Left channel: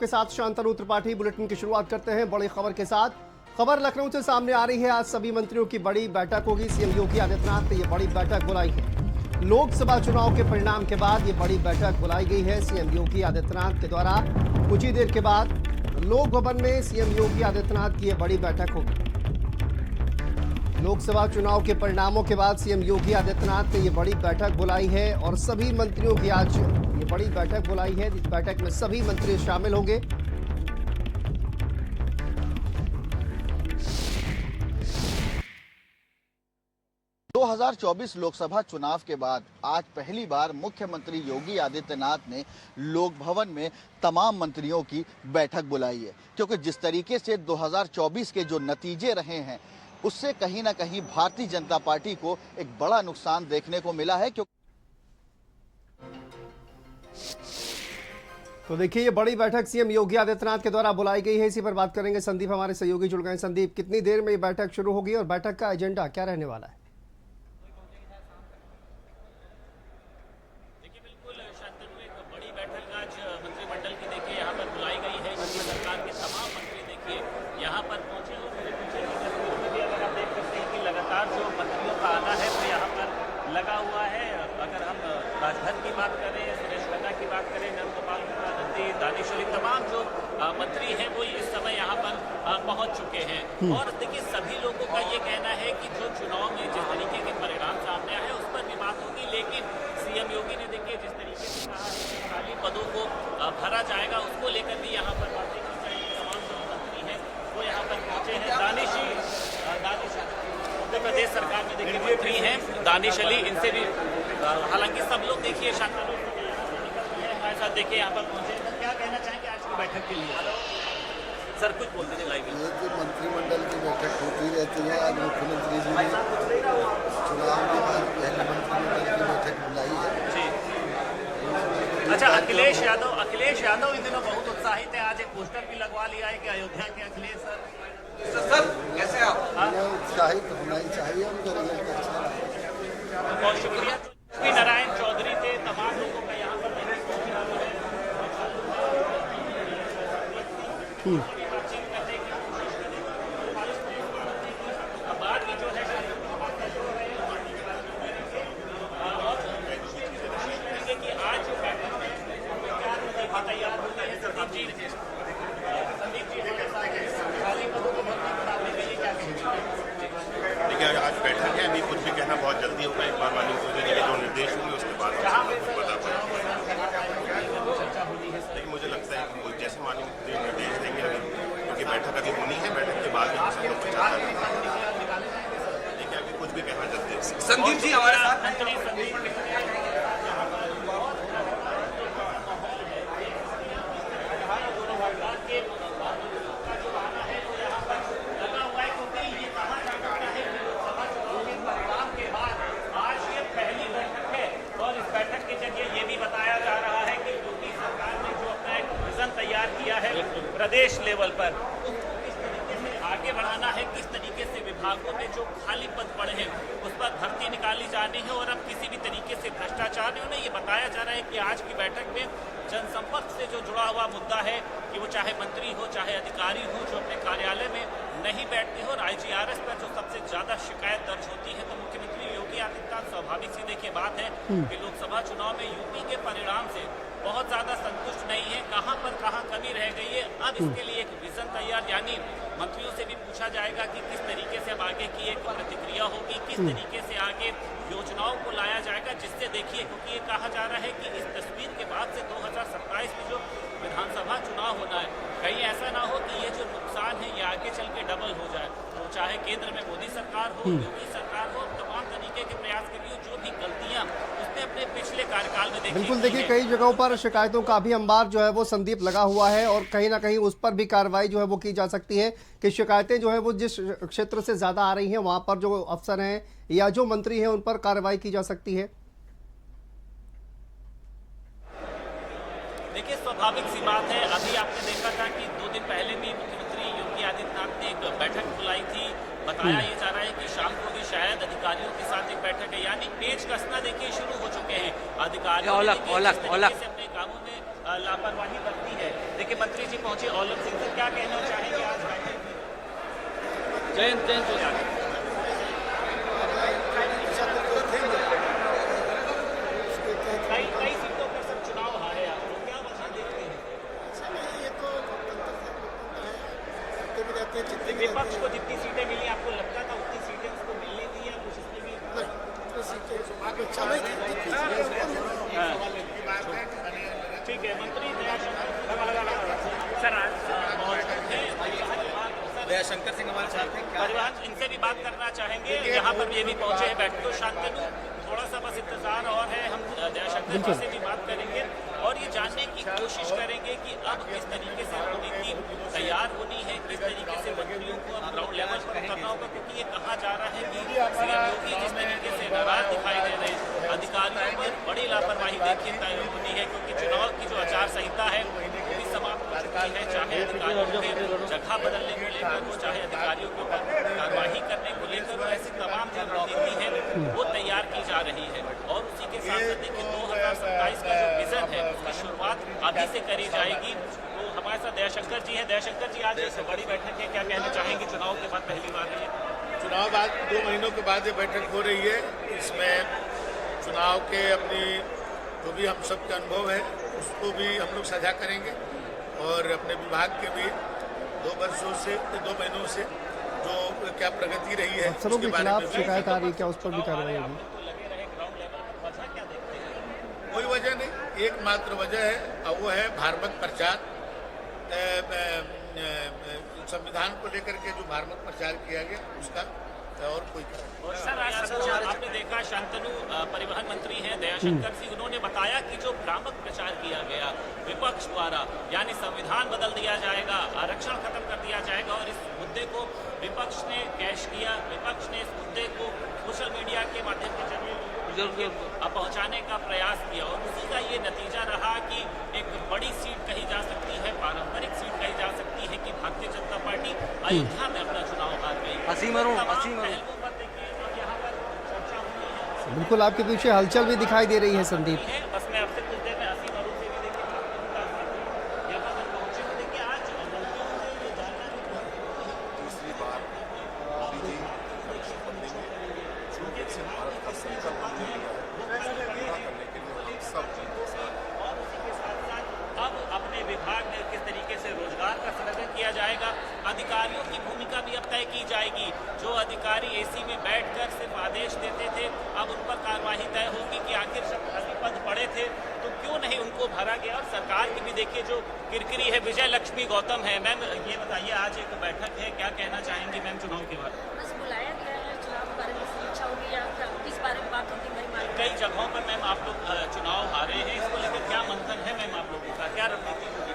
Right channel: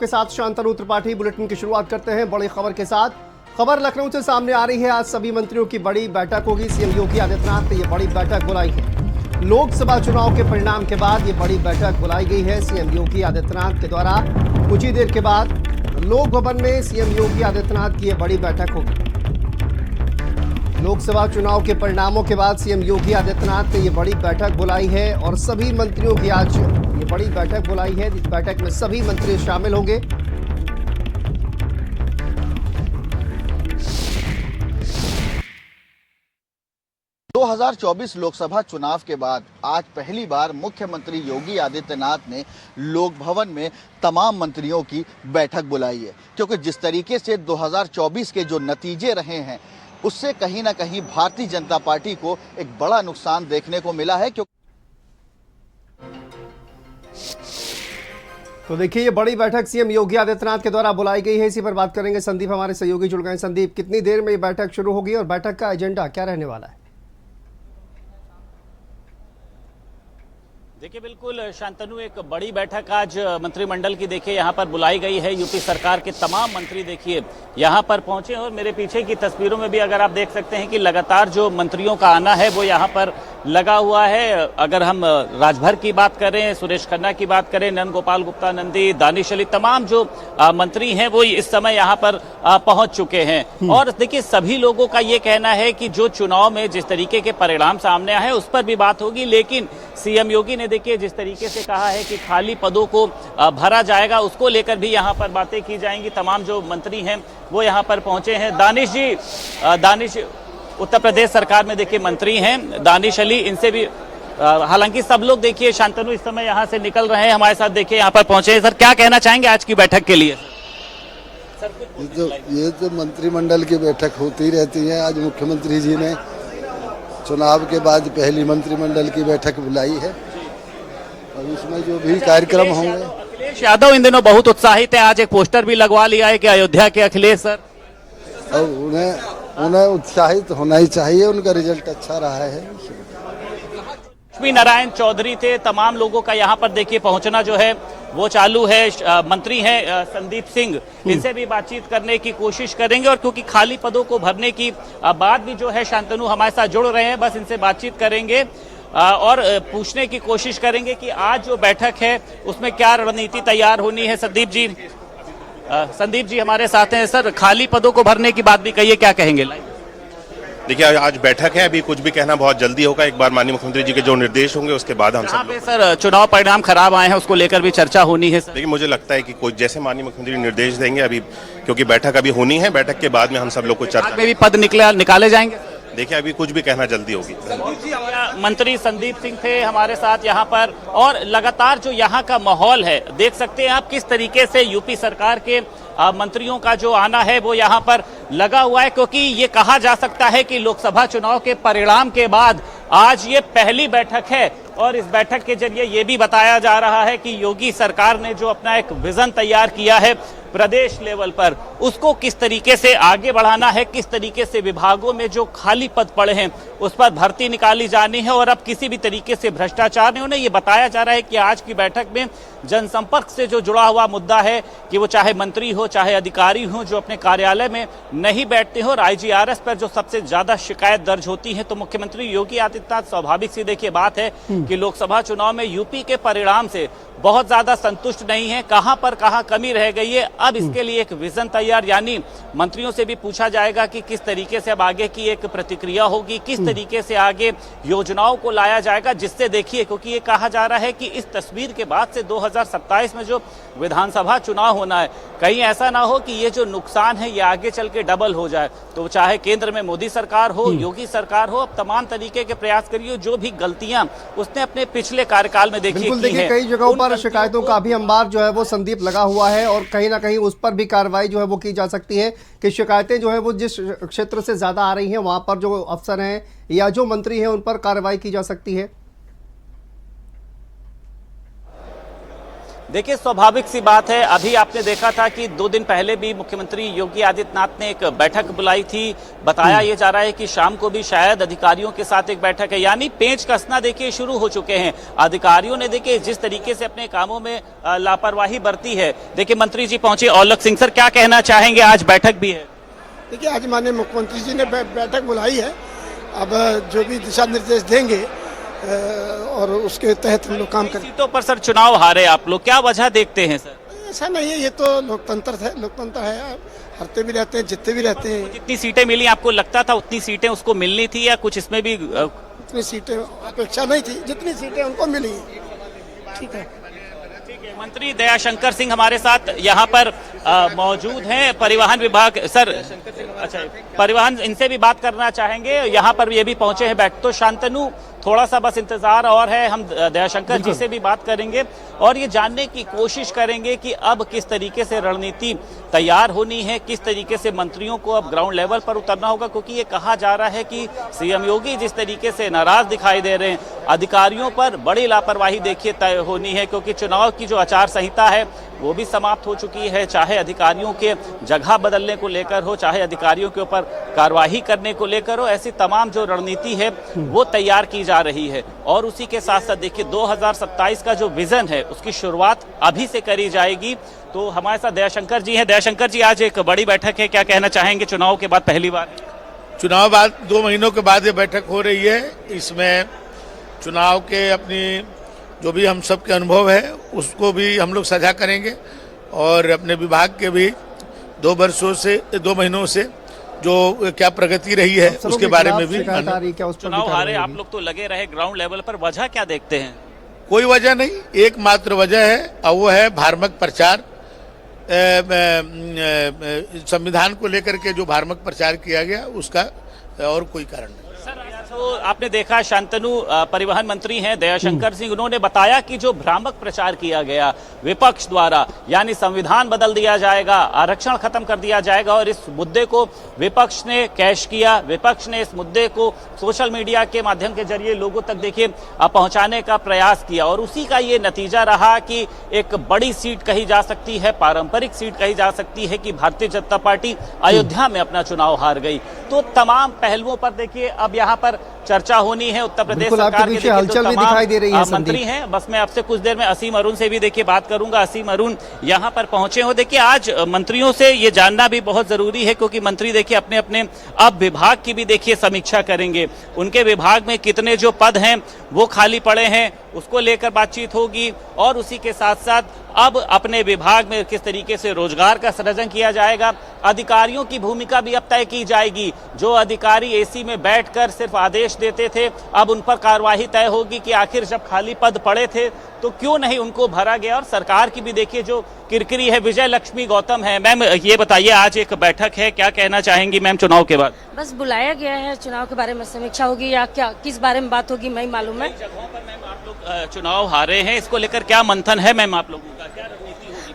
के साथ शांतनु त्रिपाठी बुलेटिन की शुरुआत करते हैं बड़ी खबर के साथ। खबर लखनऊ से सामने आ रही है। आज सभी मंत्रियों की बड़ी बैठक होगी। सीएम योगी आदित्यनाथ ने ये बड़ी बैठक बुलाई है। लोकसभा चुनाव के परिणाम के बाद ये बड़ी बैठक बुलाई गई है सीएम योगी आदित्यनाथ के द्वारा। कुछ ही देर के बाद लोक भवन में सीएम योगी आदित्यनाथ की ये बड़ी बैठक होगी। लोकसभा चुनाव के परिणामों के बाद सीएम योगी आदित्यनाथ ने ये बड़ी बैठक बुलाई है और सभी मंत्रियों की आज ये बड़ी बैठक बुलाई है। इस बैठक में सभी मंत्री शामिल होंगे। दो 2024 लोकसभा चुनाव के बाद आज पहली बार मुख्यमंत्री योगी आदित्यनाथ ने लोक भवन में तमाम मंत्रियों की बैठक बुलाई है, क्योंकि जिस तरीके से 2024 के जो नतीजे रहे हैं उससे कहीं ना कहीं भारतीय जनता पार्टी को एक बड़ा नुकसान देखने को मिला है। तो देखिए, ये बड़ी बैठक सीएम योगी आदित्यनाथ के द्वारा बुलाई गई है। इसी पर बात करेंगे। संदीप हमारे सहयोगी जुड़ गए। संदीप, कितनी देर में ये बैठक शुरू होगी और बैठक का एजेंडा क्या रहने वाला है? देखिए, बिल्कुल शांतनु, एक बड़ी बैठक आज मंत्रिमंडल की देखिए यहाँ पर बुलाई गई है। यूपी सरकार के तमाम मंत्री देखिए यहाँ पर पहुंचे और मेरे पीछे की तस्वीरों में भी अगर आप देख सकते हैं कि लगातार जो मंत्रियों का आना है वो यहाँ पर लगा हुआ है। अगर हम राजभर की बात करें, सुरेश खन्ना की बात करें, नंद गोपाल गुप्ता नंदी, दानिश अली, तमाम जो मंत्री हैं वो इस समय यहाँ पर पहुंच चुके हैं। और देखिए, सभी लोगों का ये कहना है कि जो चुनाव में जिस तरीके के परिणाम सामने आए उस पर भी बात होगी, लेकिन सीएम योगी ने देखिए जिस तरीके से कहा है कि खाली पदों को भरा जाएगा, उसको लेकर भी यहाँ पर बातें की जाएंगी। तमाम जो मंत्री हैं वो यहाँ पर पहुंचे हैं। दानिश जी, दानिश उत्तर प्रदेश सरकार में देखिए मंत्री हैं, दानिश अली, इनसे भी हालांकि सब लोग देखिए शांतनु इस समय यहाँ से निकल रहे हैं, हमारे साथ देखिए यहाँ पर पहुंचे हैं। सर, क्या कहना चाहेंगे आज की बैठक के लिए? सर, कुछ ये तो मंत्रिमंडल की बैठक होती रहती है। आज मुख्यमंत्री जी ने चुनाव के बाद पहली मंत्रिमंडल की बैठक बुलाई है। अब इसमें जो भी कार्यक्रम होंगे। अखिलेश यादव इन दिनों बहुत उत्साहित है, आज एक पोस्टर भी लगवा लिया है कि अयोध्या के अखिलेश। सर, और उन्हें उत्साहित होना ही चाहिए, उनका रिजल्ट अच्छा रहा है। लक्ष्मी नारायण चौधरी थे, तमाम लोगों का यहाँ पर देखिए पहुंचना जो है वो चालू है। मंत्री हैं संदीप सिंह, इनसे भी बातचीत करने की कोशिश करेंगे और क्योंकि खाली पदों को भरने की बात भी जो है शांतनु हमारे साथ जुड़ रहे हैं, बस इनसे बातचीत करेंगे और पूछने की कोशिश करेंगे कि आज जो बैठक है उसमें क्या रणनीति तैयार होनी है। संदीप जी हमारे साथ हैं। सर, खाली पदों को भरने की बात भी कहिए, क्या कहेंगे? देखिए, आज बैठक है, अभी कुछ भी कहना बहुत जल्दी होगा। एक बार माननीय मुख्यमंत्री जी के जो निर्देश होंगे उसके बाद हम सब लोग। सर, चुनाव परिणाम खराब आए हैं, उसको लेकर भी चर्चा होनी है। देखिए, मुझे लगता है कि कोई जैसे माननीय मुख्यमंत्री निर्देश देंगे, अभी क्योंकि बैठक अभी होनी है, बैठक के बाद में हम सब लोग को चर्चा में भी पद निकाले जाएंगे। देखिए, अभी कुछ भी कहना जल्दी होगी। संदीप जी, हमारे मंत्री संदीप सिंह थे हमारे साथ यहाँ पर, और लगातार जो यहाँ का माहौल है देख सकते हैं आप किस तरीके से यूपी सरकार के मंत्रियों का जो आना है वो यहाँ पर लगा हुआ है, क्योंकि ये कहा जा सकता है कि लोकसभा चुनाव के परिणाम के बाद आज ये पहली बैठक है और इस बैठक के जरिए ये भी बताया जा रहा है कि योगी सरकार ने जो अपना एक विजन तैयार किया है प्रदेश लेवल पर, उसको किस तरीके से आगे बढ़ाना है, किस तरीके से विभागों में जो खाली पद पड़े हैं उस पर भर्ती निकाली जानी है और अब किसी भी तरीके से भ्रष्टाचार नहीं होना। ये बताया जा रहा है कि आज की बैठक में जनसंपर्क से जो जुड़ा हुआ मुद्दा है कि वो चाहे मंत्री हो चाहे अधिकारी हो जो अपने कार्यालय में नहीं बैठते हो, और आईजीआरएस पर जो सबसे ज्यादा शिकायत दर्ज होती है, तो मुख्यमंत्री योगी आदित्यनाथ स्वाभाविक सी देखिए बात है कि लोकसभा चुनाव में यूपी के परिणाम से बहुत ज्यादा संतुष्ट नहीं है, कहां पर कहां कमी रह गई है। अब इसके लिए एक विजन तैयार, यानी मंत्रियों से भी पूछा जाएगा कि किस तरीके से अब आगे की एक प्रतिक्रिया होगी, किस तरीके से आगे योजनाओं को लाया जाएगा, जिससे देखिए, क्योंकि ये कहा जा रहा है कि इस तस्वीर के बाद से 2027 में जो विधानसभा चुनाव होना है, कहीं ऐसा ना हो कि ये जो नुकसान है ये आगे चल के डबल हो जाए। तो चाहे केंद्र में मोदी सरकार हो, योगी सरकार हो, अब तमाम तरीके के प्रयास करिए, जो भी गलतियां उसने अपने पिछले कार्यकाल में देखी। बिल्कुल, देखिए कई जगहों पर शिकायतों का भी अंबार जो है वो संदीप लगा हुआ है और कहीं ना कहीं उस पर भी कार्रवाई जो है वो की जा सकती है कि शिकायतें जो है वो जिस क्षेत्र से ज्यादा आ रही हैं वहां पर जो अफसर हैं या जो मंत्री हैं उन पर कार्रवाई की जा सकती है। देखिए, स्वाभाविक सी बात है। अभी आपने देखा था कि 2 दिन पहले भी मुख्यमंत्री योगी आदित्यनाथ ने एक बैठक बुलाई थी। बताया ये जा रहा है कि शाम को भी शायद अधिकारियों के साथ एक बैठक है, यानी पेंच कसना देखिए शुरू हो चुके हैं। अधिकारियों ने देखिए जिस तरीके से अपने कामों में लापरवाही बरती है। देखिए, मंत्री जी पहुंचे, औलख सिंह सर क्या कहना चाहेंगे? आज बैठक भी है। देखिए, आज माननीय मुख्यमंत्री जी ने बैठक बुलाई है। अब जो भी दिशा निर्देश देंगे और उसके तहत हम लोग काम करें। सीटों पर सर चुनाव हारे आप लोग, क्या वजह देखते हैं सर? ऐसा नहीं है, ये तो लोकतंत्र है, हारते भी रहते हैं, जीतते भी रहते हैं। जितनी सीटें मिली आपको लगता था उतनी सीटें उसको मिलनी थी, या कुछ इसमें भी उतनी सीटें अपेक्षा नहीं थी, जितनी सीटें उनको मिली। ठीक है, ठीक है। मंत्री दयाशंकर सिंह हमारे साथ यहाँ पर मौजूद हैं, परिवहन विभाग। सर, अच्छा, परिवहन, इनसे भी बात करना चाहेंगे। यहाँ पर ये भी पहुंचे हैं बैठ। तो शांतनु, थोड़ा सा बस इंतजार और है, हम दयाशंकर जी से भी बात करेंगे और ये जानने की कोशिश करेंगे कि अब किस तरीके से रणनीति तैयार होनी है, किस तरीके से मंत्रियों को अब ग्राउंड लेवल पर उतरना होगा। क्योंकि ये कहा जा रहा है कि सीएम योगी जिस तरीके से नाराज दिखाई दे रहे हैं, अधिकारियों पर बड़ी लापरवाही देखिए तय होनी है। क्योंकि चुनाव की जो आचार संहिता है वो भी समाप्त हो चुकी है, चाहे अधिकारियों के जगह बदलने को लेकर हो, चाहे अधिकारियों के ऊपर कार्रवाई करने को लेकर हो। ऐसी तमाम जो रणनीति है वो तैयार की जा रही है। और उसी के साथ साथ देखिए 2027 का जो विजन है उसकी शुरुआत अभी से करी जाएगी। तो हमारे साथ दयाशंकर जी हैं। दयाशंकर जी, आज एक बड़ी बैठक है, क्या कहना चाहेंगे? चुनाव के बाद पहली बार, चुनाव बाद 2 महीनों के बाद ये बैठक हो रही है। इसमें चुनाव के अपनी जो भी हम सब के अनुभव है उसको भी हम लोग साझा करेंगे और अपने विभाग के भी 2 महीनों से जो क्या प्रगति रही है उसके बारे में भी। चुनाव हारे आप लोग तो लगे रहे ग्राउंड लेवल पर, वजह क्या देखते हैं? कोई वजह नहीं, एकमात्र वजह है और वो है भ्रामक प्रचार। संविधान को लेकर के जो भ्रामक प्रचार किया गया उसका, और कोई कारण नहीं। सर, आज तो आपने देखा शांतनु परिवहन मंत्री हैं दयाशंकर सिंह, उन्होंने बताया कि जो भ्रामक प्रचार किया गया विपक्ष द्वारा, यानी संविधान बदल दिया जाएगा, आरक्षण खत्म कर दिया जाएगा, और इस मुद्दे को विपक्ष ने कैश किया। विपक्ष ने इस मुद्दे को सोशल मीडिया के माध्यम के जरिए लोगों तक देखिए पहुंचाने का प्रयास किया और उसी का ये नतीजा रहा कि एक बड़ी सीट कही जा सकती है, पारंपरिक सीट कही जा सकती है कि भारतीय जनता पार्टी अयोध्या में अपना चुनाव हार गई। तो तमाम पहलुओं पर देखिए अब यहाँ पर चर्चा होनी है। उत्तर प्रदेश सरकार के पीछे हलचल भी दिखाई दे रही है। मंत्री हैं, बस मैं आपसे कुछ देर में असीम अरुण से भी देखिए बात करूंगा। असीम अरुण यहाँ पर पहुंचे हो। देखिए, आज मंत्रियों से ये जानना भी बहुत जरूरी है क्योंकि मंत्री देखिए अपने अपने अब विभाग की भी देखिए समीक्षा करेंगे। उनके विभाग में कितने जो पद हैं वो खाली पड़े हैं उसको लेकर बातचीत होगी और उसी के साथ साथ अब अपने विभाग में किस तरीके से रोजगार का सृजन किया जाएगा। अधिकारियों की भूमिका भी अब तय की जाएगी। जो अधिकारी एसी में बैठकर सिर्फ आदेश देते थे, अब उन पर कार्यवाही तय होगी कि आखिर जब खाली पद पड़े थे तो क्यों नहीं उनको भरा गया। और सरकार की भी देखिए जो किरकिरी है। विजय लक्ष्मी गौतम है। मैम, ये बताइए, आज एक बैठक है, क्या कहना चाहेंगी मैम चुनाव के बाद? बस बुलाया गया है, चुनाव के बारे में समीक्षा होगी या क्या, किस बारे में बात होगी नहीं मालूम है। मैम, आप लोग चुनाव हारे हैं, इसको लेकर क्या मंथन है मैम आप लोगों का?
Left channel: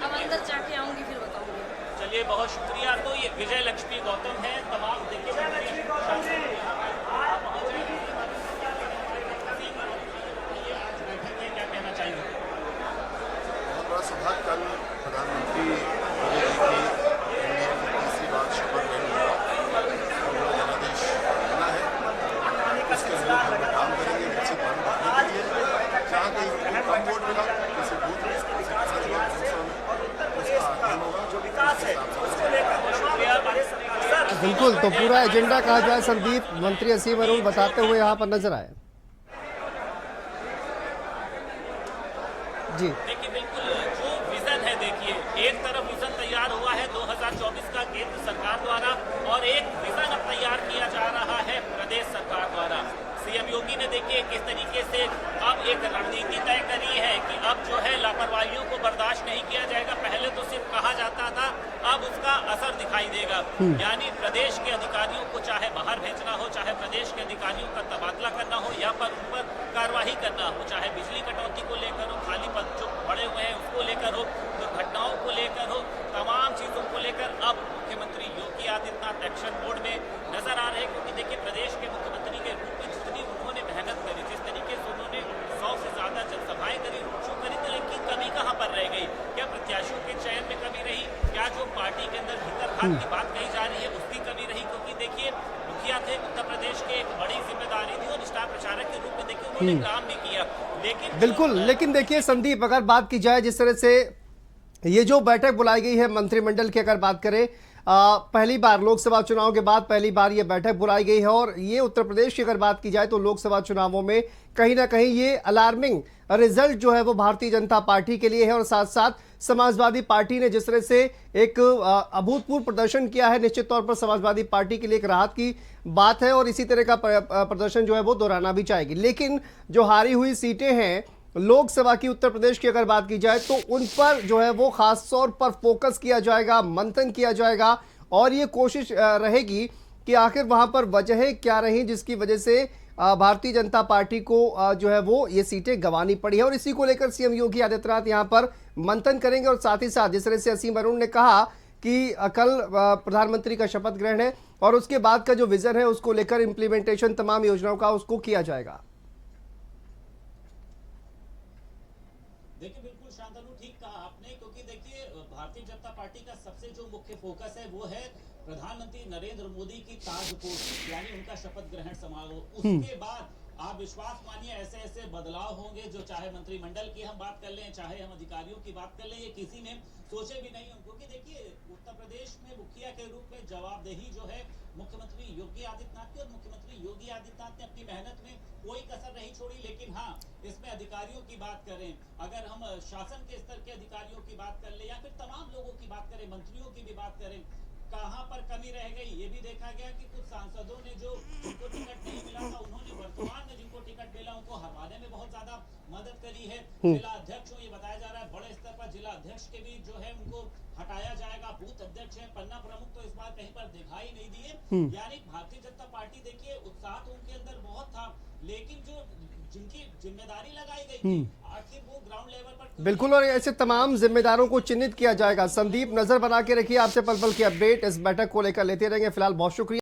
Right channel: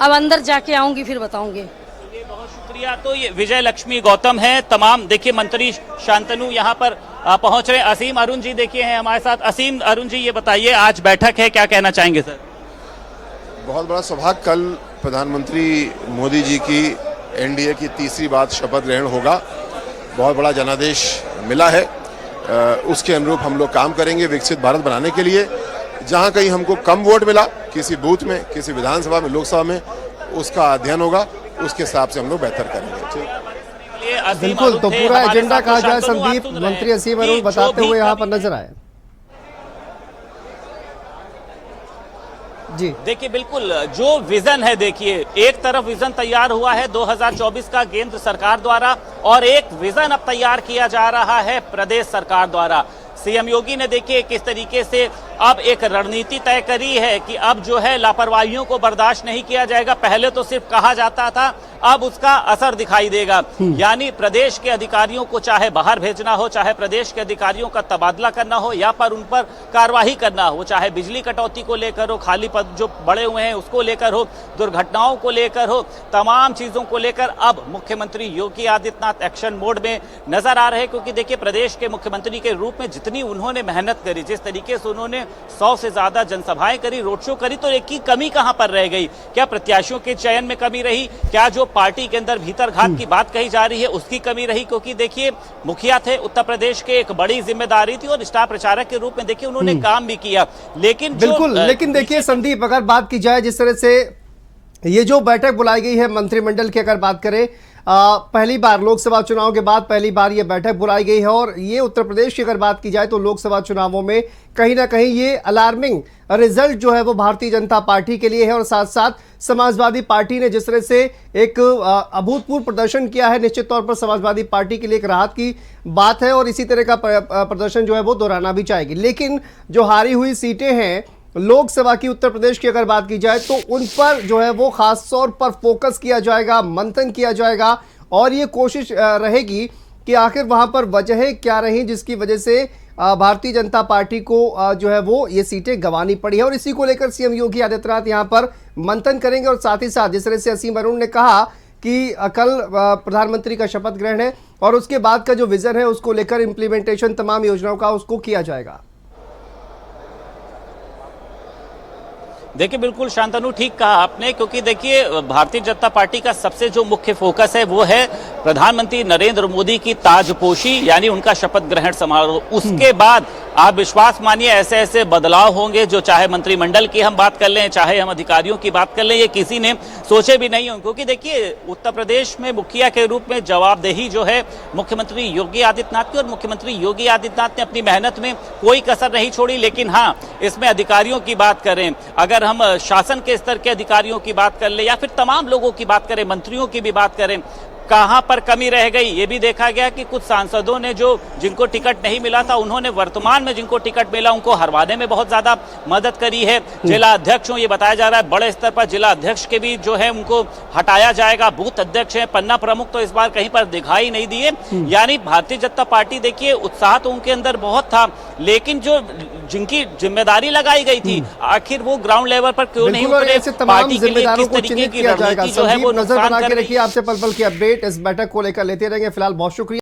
अब अंदर जाके आऊंगी फिर बताऊंगी। चलिए, बहुत शुक्रिया। तो ये विजय लक्ष्मी गौतम है। तमाम देखिए मंत्री शांतनु यहाँ पर पहुंच रहे। असीम अरुण जी देखिए हैं हमारे साथ। असीम अरुण जी, ये बताइए, आज बैठक है, क्या कहना चाहेंगे सर? बहुत बड़ा सौभाग्य, कल प्रधानमंत्री मोदी जी की एनडीए की तीसरी बार शपथ ग्रहण होगा। बहुत बड़ा जनादेश मिला है, उसके अनुरूप हम लोग काम करेंगे विकसित भारत बनाने के लिए। जहां कहीं हमको कम वोट मिला किसी बूथ में, किसी विधानसभा में, लोकसभा में, उसका अध्ययन होगा, उसके हिसाब से हम लोग बेहतर करेंगे। बिल्कुल, तो पूरा एजेंडा कहा जाए संदीप, मंत्री असीम अरुण बताते हुए यहाँ पर नजर आए। जी देखिए, बिल्कुल जो विजन है, देखिए एक तरफ विजन तैयार हुआ है 2024 का केंद्र सरकार द्वारा और एक विजन अब तैयार किया जा रहा है प्रदेश सरकार द्वारा। सीएम योगी ने देखिए किस तरीके से अब एक रणनीति तय करी है कि अब जो है लापरवाहियों को बर्दाश्त नहीं किया जाएगा। पहले तो सिर्फ कहा जाता था, अब उसका असर दिखाई देगा। यानी प्रदेश के अधिकारियों को चाहे बाहर भेजना हो, चाहे प्रदेश के अधिकारियों का तबादला करना हो या पर उन पर कार्रवाई करना हो, चाहे बिजली कटौती को लेकर हो, खाली पद जो बड़े हुए हैं उसको लेकर हो, दुर्घटनाओं को लेकर हो, तमाम चीजों को लेकर अब मुख्यमंत्री योगी आदित्यनाथ एक्शन मोड में नजर आ रहे हैं। क्योंकि देखिए, प्रदेश के मुख्यमंत्री के रूप में जितनी उन्होंने मेहनत करी, जिस तरीके से उन्होंने 100 से ज्यादा जनसभाएं करी, रोड शो करी, तो एक की कमी कहां पर रह गई? क्या प्रत्याशियों के चयन में कमी रही? क्या जो पार्टी के अंदर भीतर घात की बात कही जा रही है उसकी कमी रही? क्योंकि देखिए मुखिया थे उत्तर प्रदेश के, एक बड़ी जिम्मेदारी थी और स्टार प्रचारक के रूप में देखिए उन्होंने काम भी किया, लेकिन बिल्कुल। लेकिन देखिए संदीप, अगर बात की जाए जिस तरह से ये जो बैठक बुलाई गई है मंत्रिमंडल की, अगर बात करें पहली बार लोकसभा चुनाव के बाद पहली बार ये बैठक बुलाई गई है, और ये उत्तर प्रदेश की अगर बात की जाए तो लोकसभा चुनावों में कहीं ना कहीं ये अलार्मिंग रिजल्ट जो है वो भारतीय जनता पार्टी के लिए है। और साथ साथ समाजवादी पार्टी ने जिस तरह से एक अभूतपूर्व प्रदर्शन किया है, निश्चित तौर पर समाजवादी पार्टी के लिए एक राहत की बात है और इसी तरह का प्रदर्शन जो है वो दोहराना भी चाहेगी। लेकिन जो हारी हुई सीटें हैं लोकसभा की उत्तर प्रदेश की अगर बात की जाए तो उन पर जो है वो खास तौर पर फोकस किया जाएगा, मंथन किया जाएगा और ये कोशिश रहेगी कि आखिर वहां पर वजहें क्या रही जिसकी वजह से भारतीय जनता पार्टी को जो है वो ये सीटें गंवानी पड़ी है। और इसी को लेकर सीएम योगी आदित्यनाथ यहां पर मंथन करेंगे और साथ ही साथ जिस तरह से असीम अरुण ने कहा कि कल प्रधानमंत्री का शपथ ग्रहण है और उसके बाद का जो विजन है उसको लेकर इंप्लीमेंटेशन तमाम योजनाओं का उसको किया जाएगा। देखिए बिल्कुल शांतनु, ठीक कहा आपने, क्योंकि देखिए भारतीय जनता पार्टी का सबसे जो मुख्य फोकस है वो है प्रधानमंत्री नरेंद्र मोदी की ताजपोशी यानी उनका शपथ ग्रहण समारोह। उसके बाद आप विश्वास मानिए ऐसे ऐसे बदलाव होंगे जो चाहे मंत्रिमंडल की हम बात कर लें, चाहे हम अधिकारियों की बात कर लें, ये किसी ने सोचे भी नहीं होंगे। क्योंकि देखिए उत्तर प्रदेश में मुखिया के रूप में जवाबदेही जो है मुख्यमंत्री योगी आदित्यनाथ की, और मुख्यमंत्री योगी आदित्यनाथ ने अपनी मेहनत में कोई कसर नहीं छोड़ी। लेकिन हाँ, इसमें अधिकारियों की बात करें, अगर हम शासन के स्तर के अधिकारियों की बात कर ले या फिर तमाम लोगों की बात करें, मंत्रियों की भी बात करें, कहां पर कमी रह गई ये भी देखा गया कि कुछ सांसदों ने जिनको टिकट नहीं मिला था उन्होंने वर्तमान में जिनको टिकट मिला उनको हरवाने में बहुत ज्यादा मदद करी है। जिला अध्यक्ष ये बताया जा रहा है बड़े स्तर पर जिला अध्यक्ष के भी जो है उनको हटाया जाएगा, बूथ अध्यक्ष है, पन्ना प्रमुख तो इस बार कहीं पर दिखाई नहीं दिए। यानी भारतीय जनता पार्टी देखिए उत्साह तो उनके अंदर बहुत था, लेकिन जो जिनकी जिम्मेदारी लगाई गई थी आखिर वो ग्राउंड लेवल पर क्यों नहीं उतरे? ऐसे तमाम जिम्मेदारों को चिन्हित किया जाएगा। संदीप, नजर बना के रखिए, आपसे पल पल की अपडेट इस बैठक को लेकर लेते रहेंगे। फिलहाल बहुत शुक्रिया।